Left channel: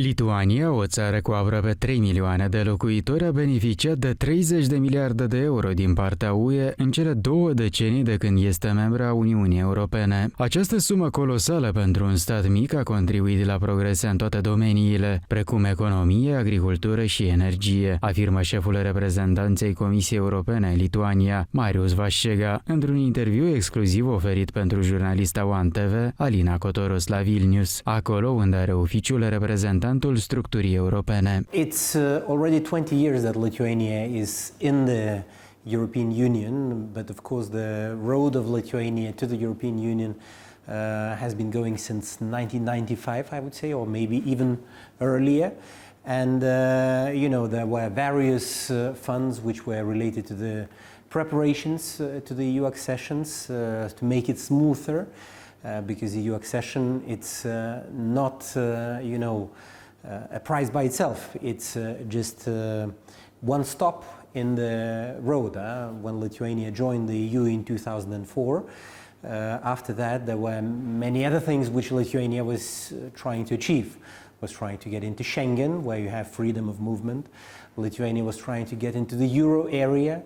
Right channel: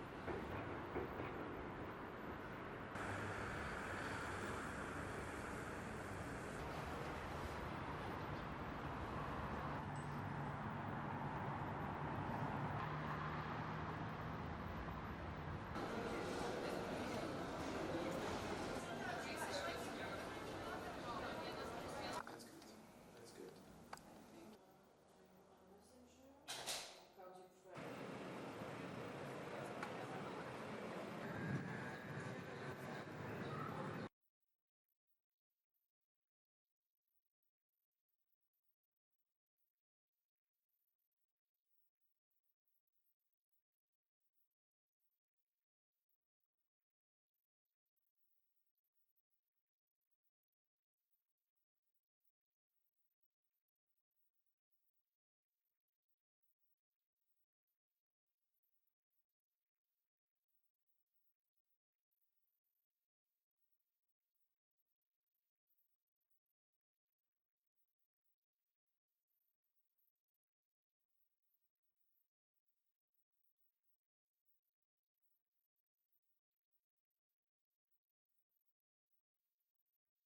Lituania, o țară cu aproape 3 milioane de locuitori, a beneficiat de 30 de miliarde de euro din partea UE în cele două decenii de când este membră a Uniunii Europene. Această sumă colosală pentru un stat mic a contribuit la progrese în toate domeniile, precum economie, agricultură și energie, afirmă șeful reprezentanței Comisiei Europene în Lituania, Marius Vaščega, într-un interviu exclusiv oferit pentru jurnalista One TV, Alina Cotoros la Vilnius, acolo unde are oficiul reprezentantul structurii europene. It's already 20 years that Lithuania is in the European Union, but of course the road of Lithuania to the European Union has been going since 1995, I would say, or maybe even earlier. And you know, there were various funds which were related to the preparations to the EU accessions to make it smoother, because EU accession, it's not you know, a prize by itself. It's just one stop in the road. When Lithuania joined the EU in 2004, after that there were many other things which Lithuania was trying to achieve. Was trying to get into Schengen, where you have freedom of movement. Lithuania was trying to get into the euro area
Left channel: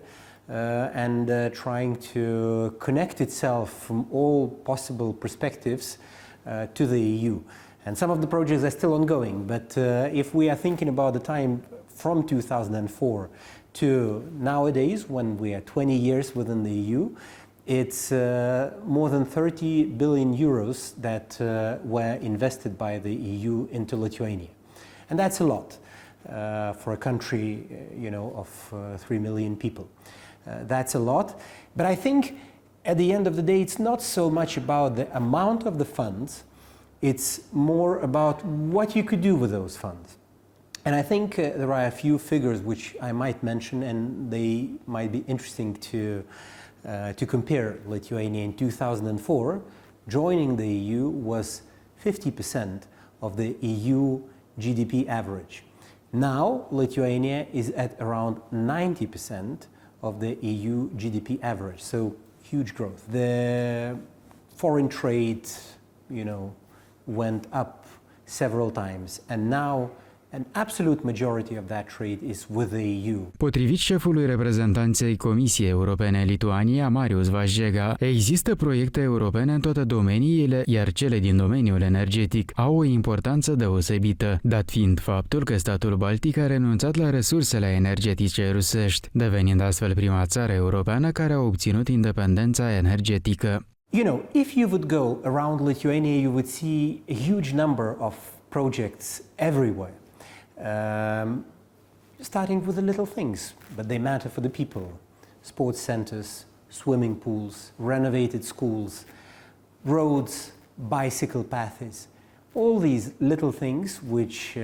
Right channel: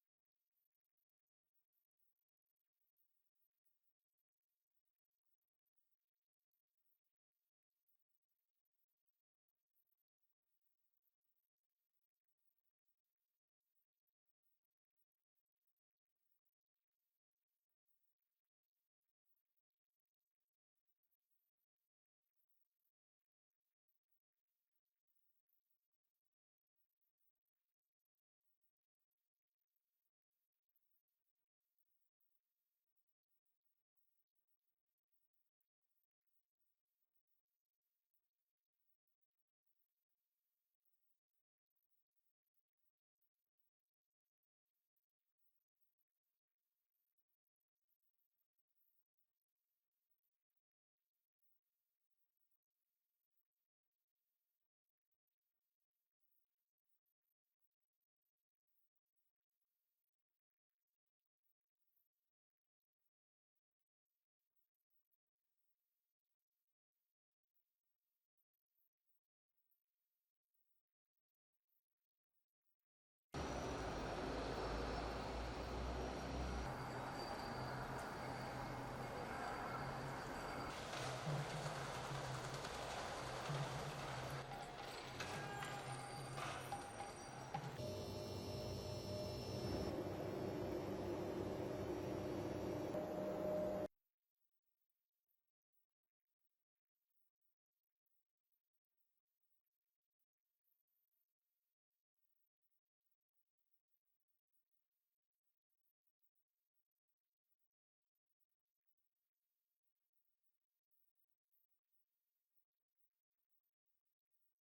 and trying to connect itself from all possible perspectives to the EU. And some of the projects are still ongoing, but if we are thinking about the time from 2004 to nowadays, when we are 20 years within the EU, it's more than 30 billion euros that were invested by the EU into Lithuania. And that's a lot for a country, you know, of 3 million people. That's a lot. But I think at the end of the day, it's not so much about the amount of the funds, it's more about what you could do with those funds. And I think there are a few figures which I might mention, and they might be interesting to compare. Lithuania in 2004, joining the EU was 50% of the EU GDP average. Now, Lithuania is at around 90% of the EU GDP average, so huge growth. The foreign trade, you know, went up several times, and now an absolute majority of that trade is with the EU. Potrivit șefului reprezentanței Comisiei Europene în Lituania, Marius Vaščega, există proiecte europene în toate domeniile, iar cele din domeniul energetic au o importanță deosebită, dat fiind faptul că statul baltic a renunțat la resursele energetice rusești, devenind astfel prima țară europeană care a obținut independența energetică. You know, if you would go around Lithuania, you would see a huge number of projects everywhere. Starting with the little things, but they matter for the people. Sports centers, swimming pools, renovated schools, roads, bicycle paths, all these little things which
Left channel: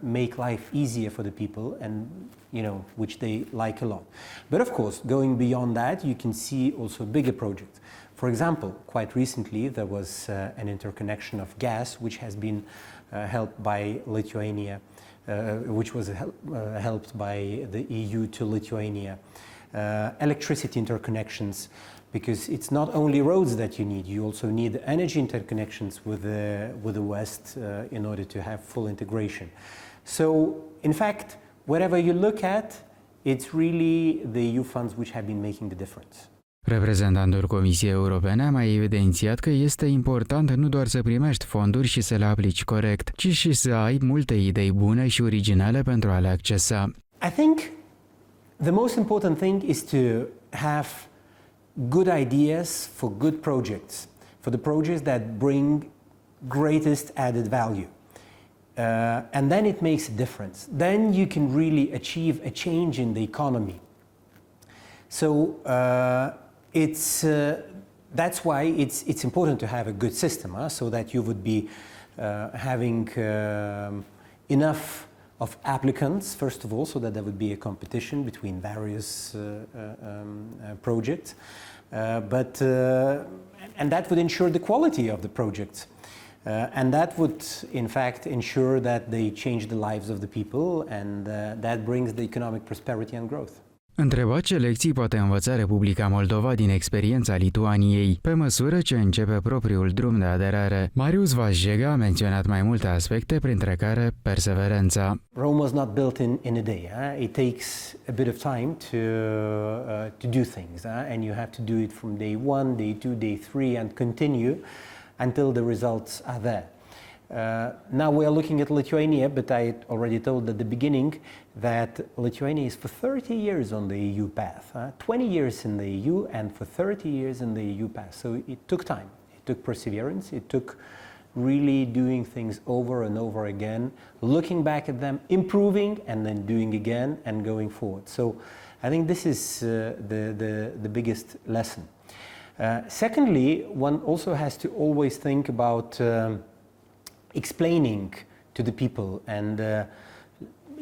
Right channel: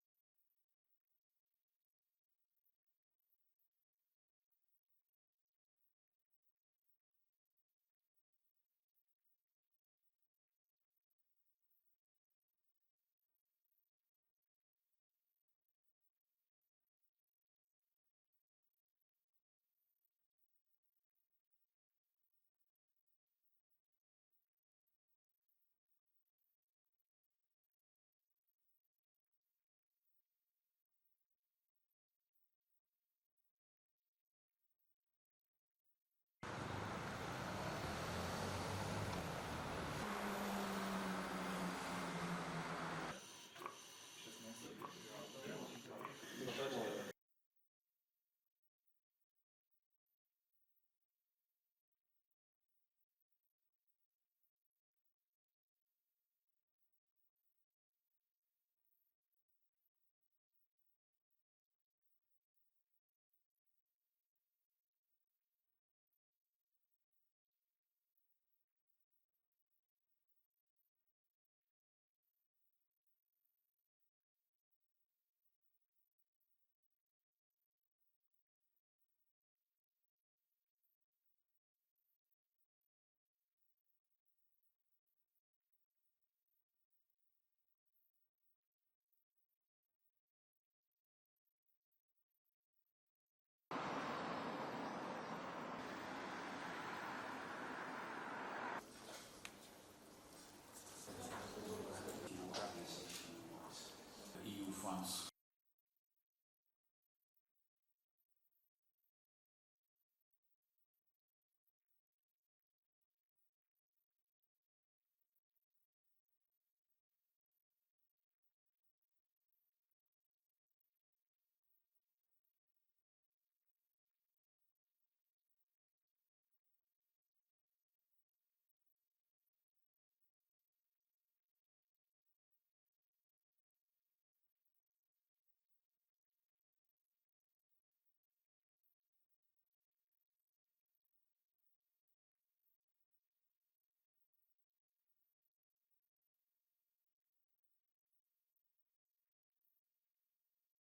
make life easier for the people and, you know, which they like a lot. But of course, going beyond that, you can see also bigger projects. For example, quite recently there was an interconnection of gas which has been helped by Lithuania, which was helped by the EU to Lithuania. Electricity interconnections, because it's not only roads that you need, you also need energy interconnections with the West in order to have full integration. So, in fact, wherever you look at, it's really the EU funds which have been making the difference. Reprezentantul Comisiei Europene a mai evidențiat că este important nu doar să primești fonduri și să le aplici corect, ci și să ai multe idei bune și originale pentru a le accesa. I think the most important thing is to have good ideas for good projects, for the projects that bring greatest added value. And then it makes a difference. Then you can really achieve a change in the economy. So that's why it's important to have a good system, so that you would be having enough of applicants, first of all, so that there would be a competition between various projects, and that would ensure the quality of the projects. And that would, in fact, ensure that they change the lives of the people, and that brings the economic prosperity and growth. Întrebat ce lecții poate învăța Republica Moldova din experiența Lituaniei, pe măsură ce începe propriul drum de aderare, Marius Vaščega a menționat mai multe aspecte, printre care perseverența. Rome was not built in a day. It takes a bit of time to do things, and you have to do it from day 1, day 2, day 3, and continue until the results are there. Now we are looking at Lithuania, but I already told at the beginning that Lithuania is for 30 years on the EU path, 20 years in the EU and for 30 years in the EU path. So it took time, it took perseverance, it took really doing things over and over again, looking back at them, improving, and then doing again and going forward. So I think this is the biggest lesson. Secondly, one also has to always think about explaining to the people and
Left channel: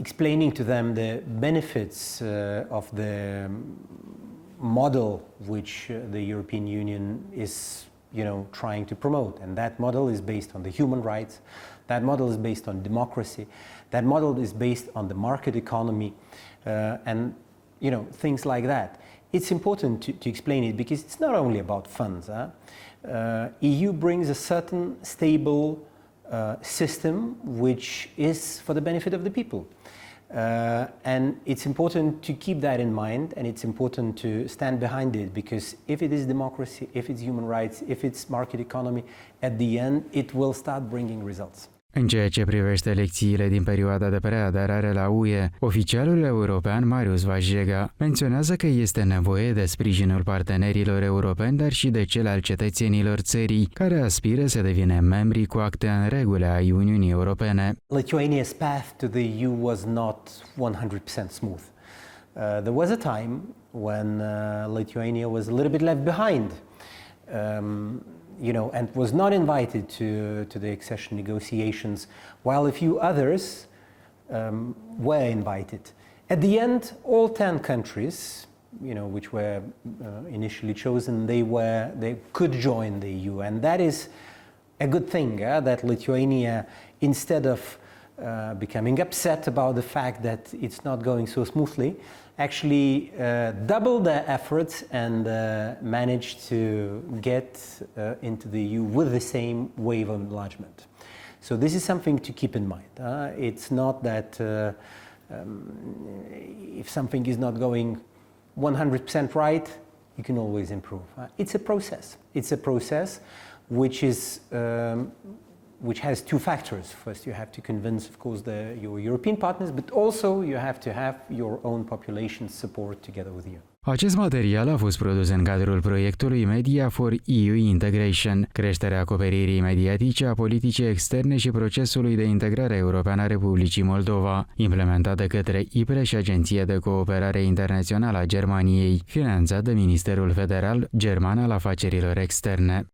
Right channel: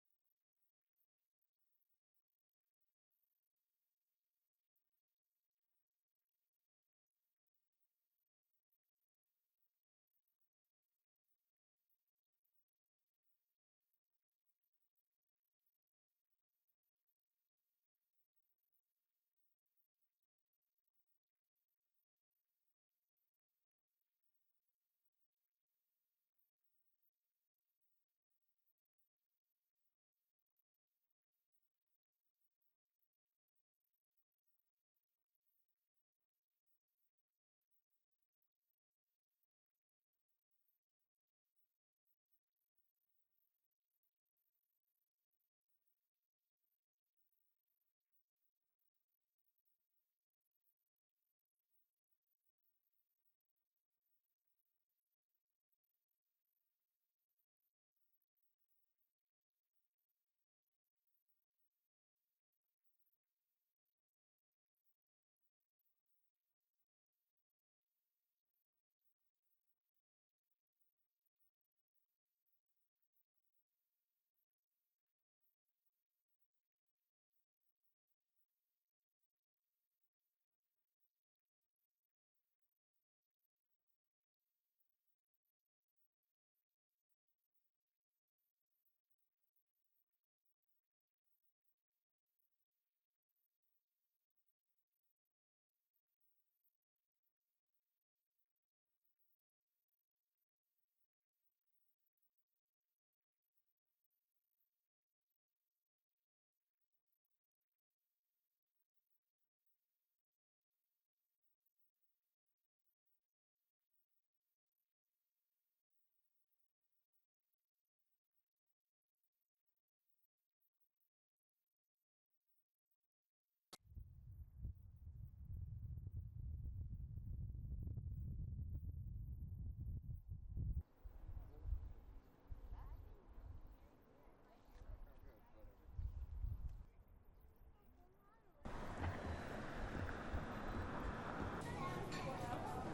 explaining to them the benefits of the model which the European Union is, trying to promote. And that model is based on the human rights, that model is based on democracy, that model is based on the market economy, and things like that. It's important to explain it because it's not only about funds. EU brings a certain stable system which is for the benefit of the people. And it's important to keep that in mind, and it's important to stand behind it, because if it is democracy, if it's human rights, if it's market economy, at the end it will start bringing results. În ceea ce privește lecțiile din perioada de preaderare la UE, oficialul european Marius Vaščega menționează că este nevoie de sprijinul partenerilor europeni, dar și de cel al cetățenilor țării, care aspiră să devină membri cu acte în regulă ai Uniunii Europene. Lithuania's path to the EU was not 100% smooth. There was a time when Lithuania was a little bit left behind. And was not invited to the accession negotiations, while a few others were invited. At the end, all 10 countries, which were initially chosen, they could join the EU, and that is a good thing. That Lithuania, instead of becoming upset about the fact that it's not going so smoothly, actually doubled their efforts and managed to get into the EU with the same wave of enlargement. So this is something to keep in mind. It's not that if something is not going 100% right, you can always improve. It's a process. It's a process which has two factors. First, you have to convince, of course, your European partners, but also you have to have your own population support together with you. Acest material a fost produs în cadrul proiectului Media for EU Integration, creșterea acoperirii mediatice a politicii externe și procesului de integrare europeană a Republicii Moldova, implementat de către IPRE și Agenția de Cooperare Internațională a Germaniei, finanțat de Ministerul Federal German al Afacerilor Externe.